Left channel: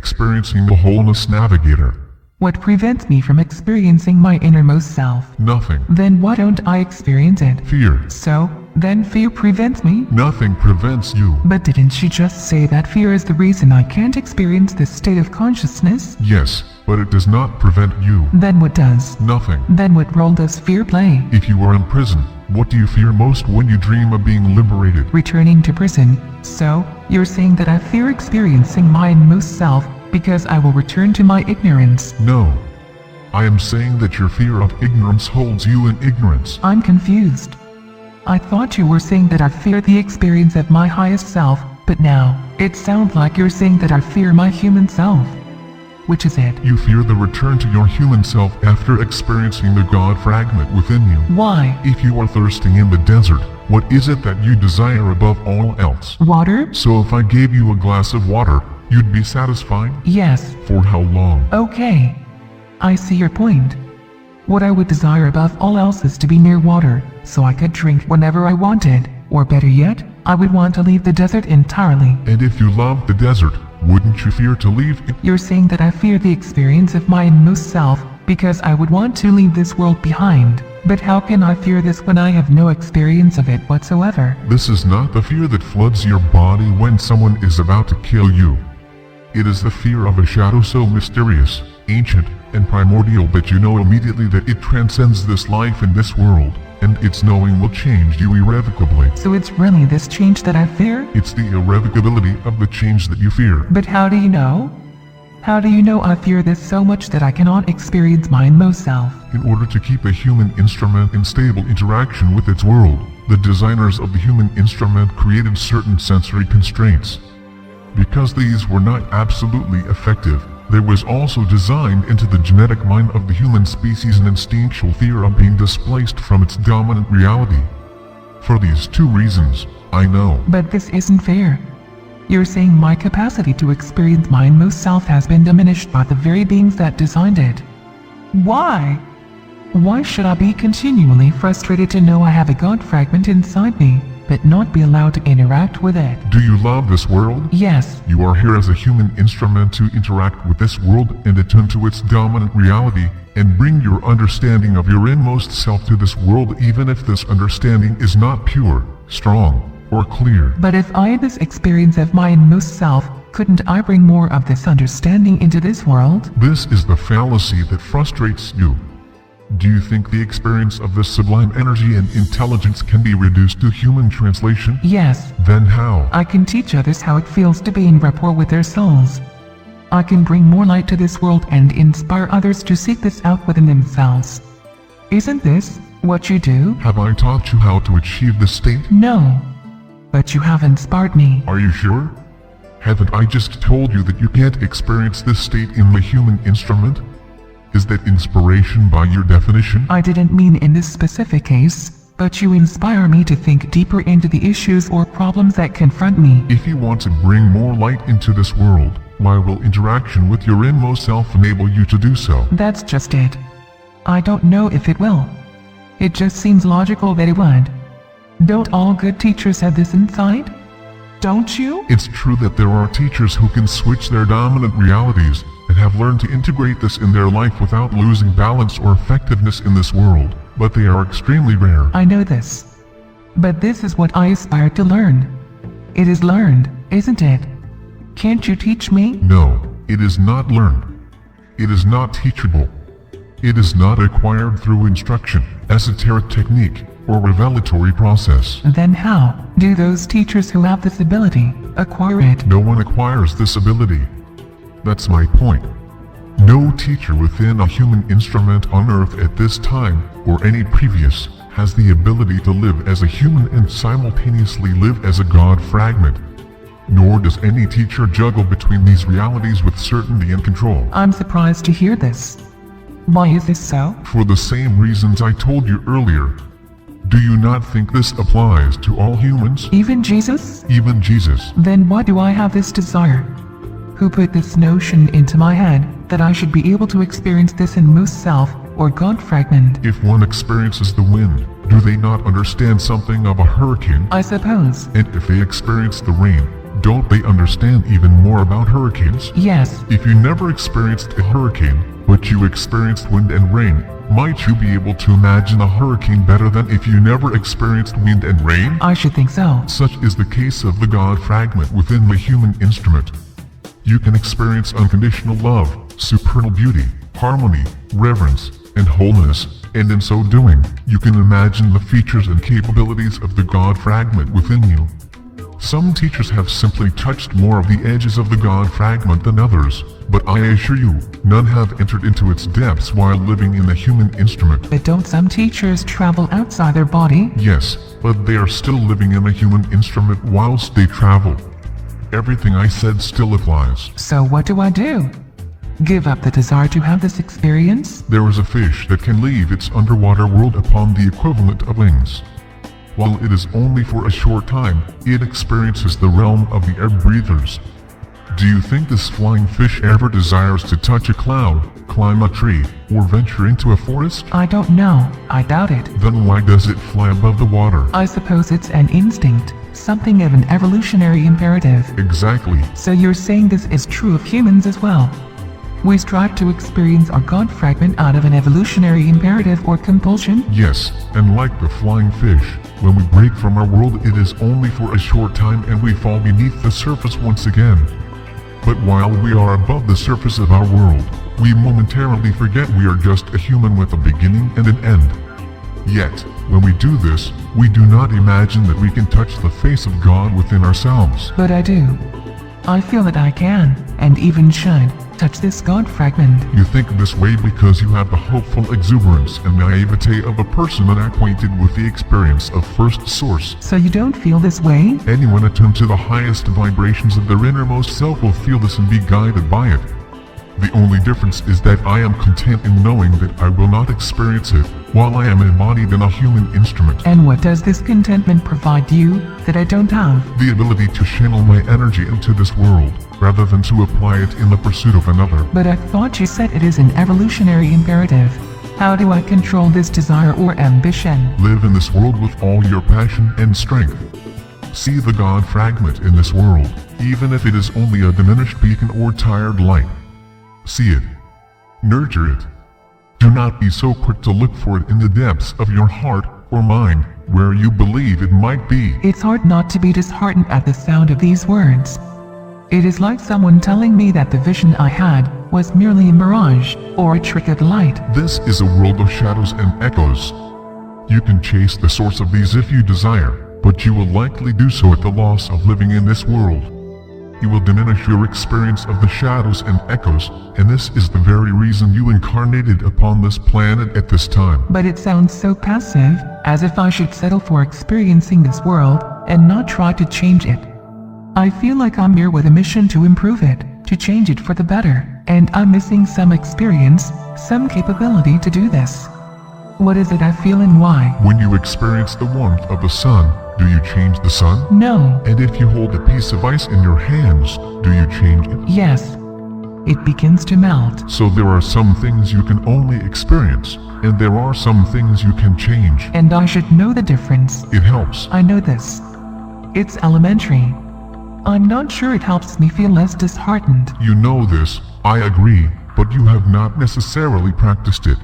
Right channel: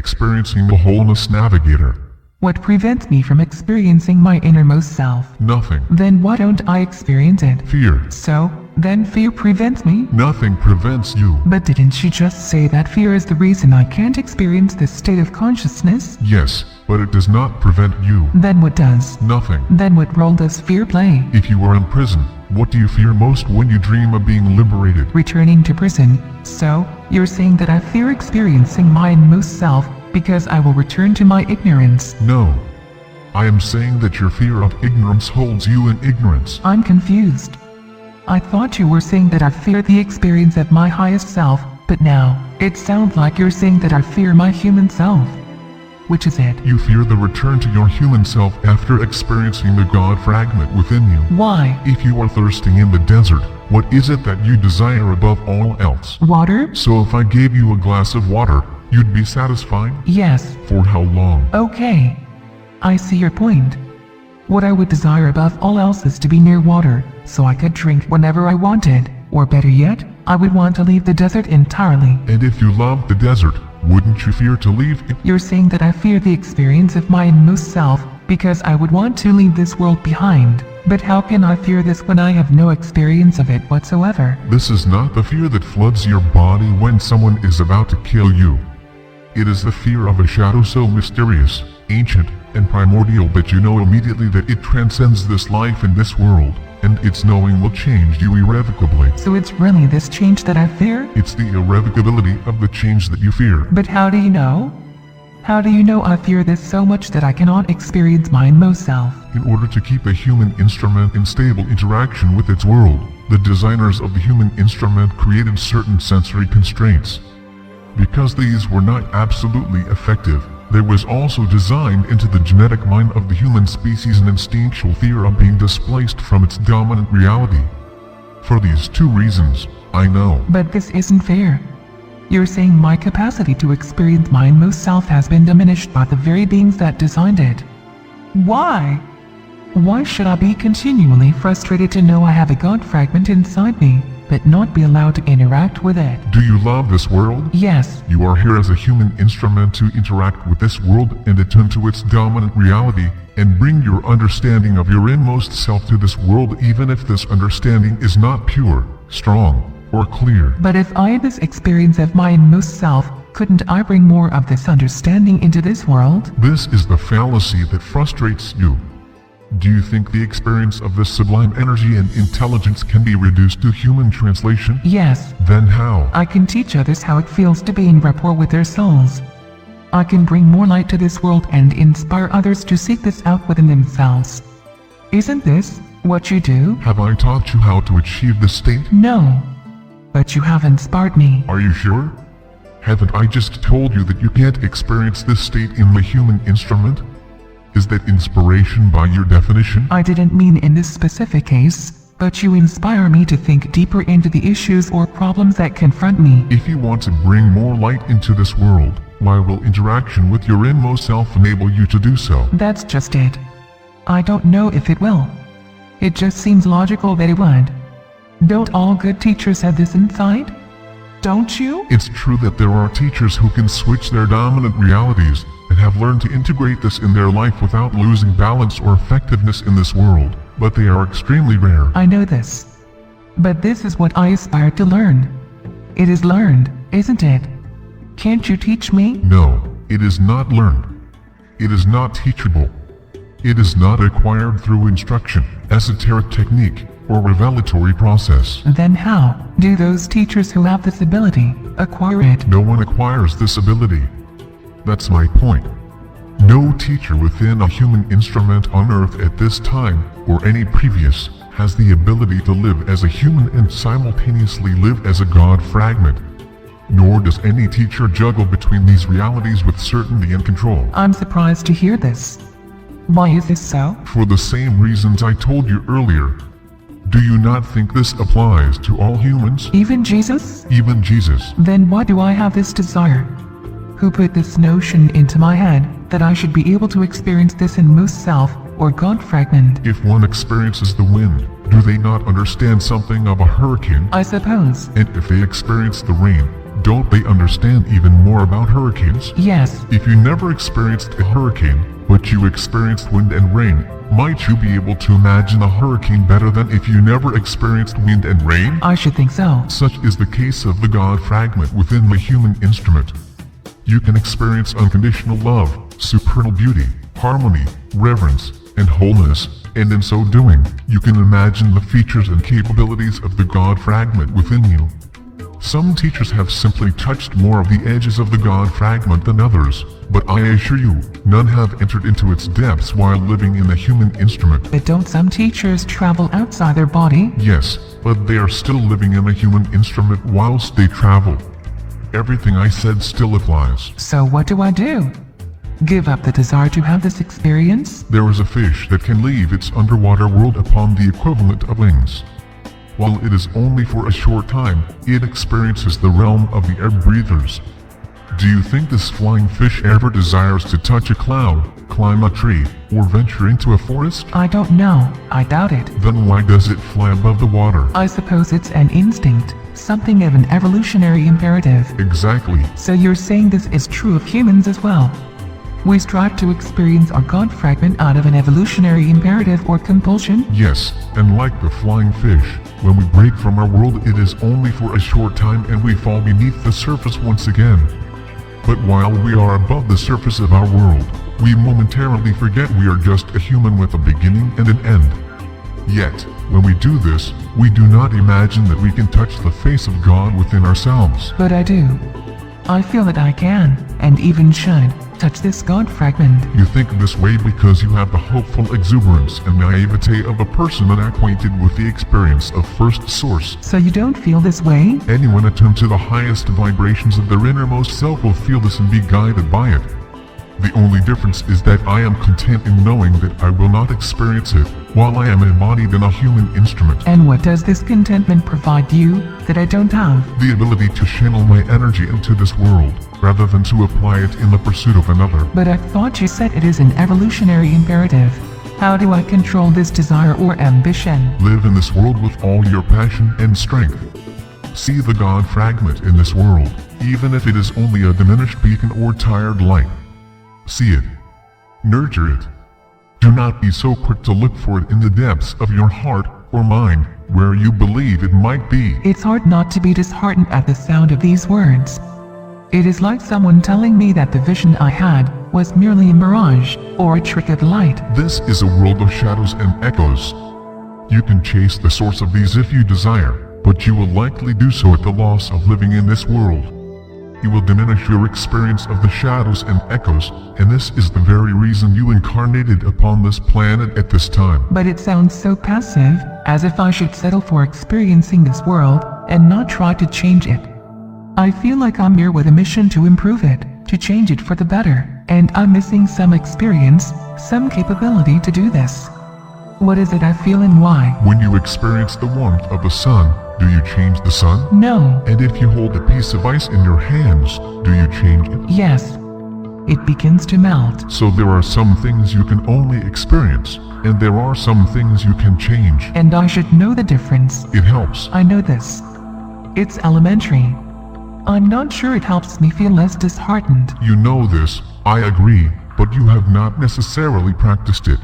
experiencing the Wholeness Navigator. What prevents me from experiencing my innermost self? Nothing. Then why don't I experience it? Fear. So, then fear prevents me? Nothing prevents you. But didn't she just say that fear is the reason I can't experience this state of consciousness? Yes, but it does not prevent you. Then what does? Nothing. Then what role does fear play? If you are in prison, what do you fear most when you dream of being liberated? Returning to prison. So, you're saying that I fear experiencing my innermost self because I will return to my ignorance. No. I am saying that your fear of ignorance holds you in ignorance. I'm confused. I thought you were saying that I fear the experience of my highest self, but now, it sounds like you're saying that I fear my human self. Which is it? You fear the return to your human self after experiencing the God fragment within you. Why? If you are thirsting in the desert, what is it that you desire above all else? Water? So if I gave you a glass of water, you'd be satisfied? Yes. For how long? Okay. I see your point. What I would desire above all else is to be near water, so I could drink whenever I wanted, or better yet, I would want to leave the desert entirely. And if you loved the desert, wouldn't you fear to leave it? You're saying that I fear the experience of my inmost self because I would want to leave this world behind. But how can I fear this when I have no experience of it whatsoever? This is not the fear that floods your body when someone is about to kill you. It is the fear of a shadow so mysterious, ancient, and primordial that you know immediately that it transcends this life in this world, and its knowing will change you irrevocably. So it's really this change that I fear? It's the irrevocability of the change that you fear. But how do you know? How do you know I fear this so much that I cannot experience my inmost self? In order to keep a human instrument in stable interaction with its world, the designers of the human instrument created certain sensory constraints. Because these were not absolutely effective, there was also designed into the genetic mind of the human species an instinctual fear of being displaced from its dominant reality. For these two reasons, I know. But this isn't fair. You're saying my capacity to experience my inmost self has been diminished by the very beings that designed it. Why? Why should I be continually frustrated to know I have a God fragment inside me, but not be allowed to interact with it? Do you love this world? Yes. You are here as a human instrument to interact with this world and attune to its dominant reality, and bring your understanding of your inmost self to this world even if this understanding is not pure, strong, or clear. But if I had this experience of my inmost self, couldn't I bring more of this understanding into this world? This is the fallacy that frustrates you. Do you think the experience of this sublime energy and intelligence can be reduced to human translation? Yes. Then how? I can teach others how it feels to be in rapport with their souls. I can bring more light to this world and inspire others to seek this out within themselves. Isn't this what you do? Have I taught you how to achieve this state? No. But you have inspired me. Are you sure? Haven't I just told you that you can't experience this state in the human instrument? Is that inspiration by your definition? I didn't mean in this specific case, but you inspire me to think deeper into the issues or problems that confront me. If you want to bring more light into this world, why will interaction with your inmost self enable you to do so? That's just it. I don't know if it will. It just seems logical that it would. Don't all good teachers have this insight? Don't you? It's true that there are teachers who can switch their dominant realities and have learned to integrate this in their life without losing balance or effectiveness in this world, but they are extremely rare. I know this. But this is what I aspire to learn. It is learned, isn't it? Can't you teach me? No, it is not learned. It is not teachable. It is not acquired through instruction, esoteric technique, or revelatory process. Then how do those teachers who have this ability acquire it? No one acquires this ability. That's my point. No teacher within a human instrument on Earth at this time, or any previous, has the ability to live as a human and simultaneously live as a God fragment. Nor does any teacher juggle between these realities with certainty and control. I'm surprised to hear this. Why is this so? For the same reasons I told you earlier. Do you not think this applies to all humans? Even Jesus? Even Jesus. Then why do I have this desire? Who put this notion into my head that I should be able to experience this inmost self or God fragment? If one experiences the wind, do they not understand something of a hurricane? I suppose. And if they experience the rain, don't they understand even more about hurricanes? Yes. If you never experienced a hurricane, but you experienced wind and rain, might you be able to imagine a hurricane better than if you never experienced wind and rain? I should think so. Such is the case of the God fragment within the human instrument. You can experience unconditional love, supernal beauty, harmony, reverence, and wholeness, and in so doing, you can imagine the features and capabilities of the God fragment within you. Some teachers have simply touched more of the edges of the God fragment than others, but I assure you, none have entered into its depths while living in a human instrument. But don't some teachers travel outside their body? Yes, but they are still living in a human instrument whilst they travel. Everything I said still applies. So what do I do? Give up the desire to have this experience? There is a fish that can leave its underwater world upon the equivalent of wings. While it is only for a short time, it experiences the realm of the air breathers. Do you think this flying fish ever desires to touch a cloud, climb a tree, or venture into a forest? I don't know. I doubt it. Then why does it fly above the water? I suppose it's an instinct, something of an evolutionary imperative. Exactly. So you're saying this is true of humans as well? We strive to experience our God fragment out of an evolutionary imperative or compulsion? Yes, and like the flying fish, when we break from our world it is only for a short time and we fall beneath the surface once again. But while we are above the surface of our world, we momentarily forget we are just a human with a beginning and an end. Yet, when we do this, we do not imagine that we can touch the face of God within ourselves. But I do. I feel that I can, and even should, touch this God fragment. You think this way because you have the hopeful exuberance and naivete of a person unacquainted with the experience of first source. So you don't feel this way? Anyone attuned to the highest vibrations of their innermost self will feel this and be guided by it. The only difference is that I am content in knowing that I will not experience it while I am embodied in a human instrument. And what does this contentment provide you that I don't have? The ability to channel my energy into this world, rather than to apply it in the pursuit of another. But I thought you said it is an evolutionary imperative. How do I control this desire or ambition? Live in this world with all your passion and strength. See the God fragment in this world, even if it is only a diminished beacon or tired light. See it. Nurture it. Do not be so quick to look for it in the depths of your heart or mind, where you believe it might be. It's hard not to be disheartened at the sound of these words. It is like someone telling me that the vision I had was merely a mirage, or a trick of the light. This is a world of shadows and echoes. You can chase the source of these if you desire, but you will likely do so at the loss of living in this world. You will diminish your experience of the shadows and echoes, and this is the very reason you incarnated upon this planet at this time. But it sounds so passive, as if I should settle for experiencing this world, and not try to change it. I feel like I'm here with a mission to improve it, to change it for the better, and I'm missing some experience, some capability to do this. What is it I feel and why? When you experience the warmth of the sun, do you change the sun? No. And if you hold a piece of ice in your hands, do you change it? Yes. It begins to melt. So there are some things you can only experience, and there are some things you can change. And I should know the difference. It helps. I know this. It's elementary. I'm not sure it helps me feel less disheartened. You know this, I agree, but you have not necessarily practiced it.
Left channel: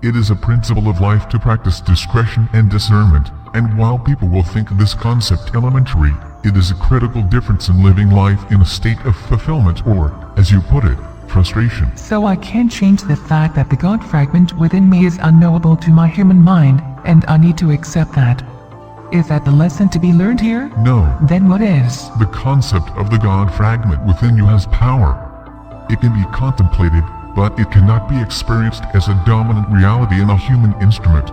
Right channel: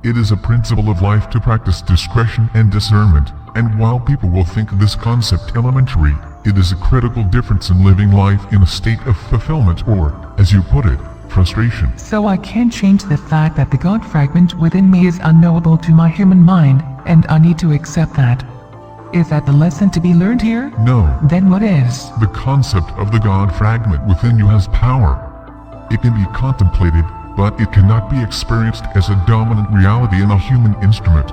It is a principle of life to practice discretion and discernment, and while people will think this concept elementary, it is a critical difference in living life in a state of fulfillment or, as you put it, frustration. So I can't change the fact that the God fragment within me is unknowable to my human mind, and I need to accept that. Is that the lesson to be learned here? No. Then what is? The concept of the God fragment within you has power. It can be contemplated, but it cannot be experienced as a dominant reality in a human instrument.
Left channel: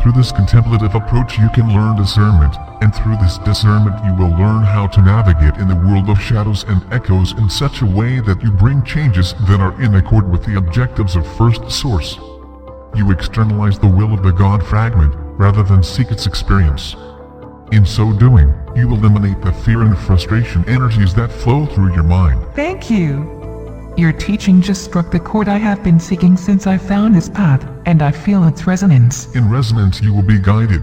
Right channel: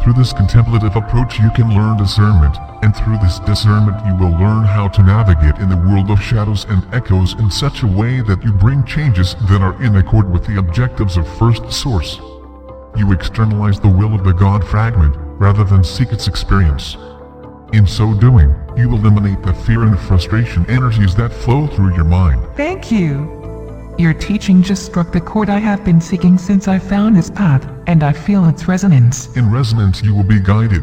Through this contemplative approach you can learn discernment, and through this discernment you will learn how to navigate in the world of shadows and echoes in such a way that you bring changes that are in accord with the objectives of First Source. You externalize the will of the God fragment, rather than seek its experience. In so doing, you eliminate the fear and frustration energies that flow through your mind. Thank you. Your teaching just struck the chord I have been seeking since I found this path, and I feel its resonance. In resonance you will be guided,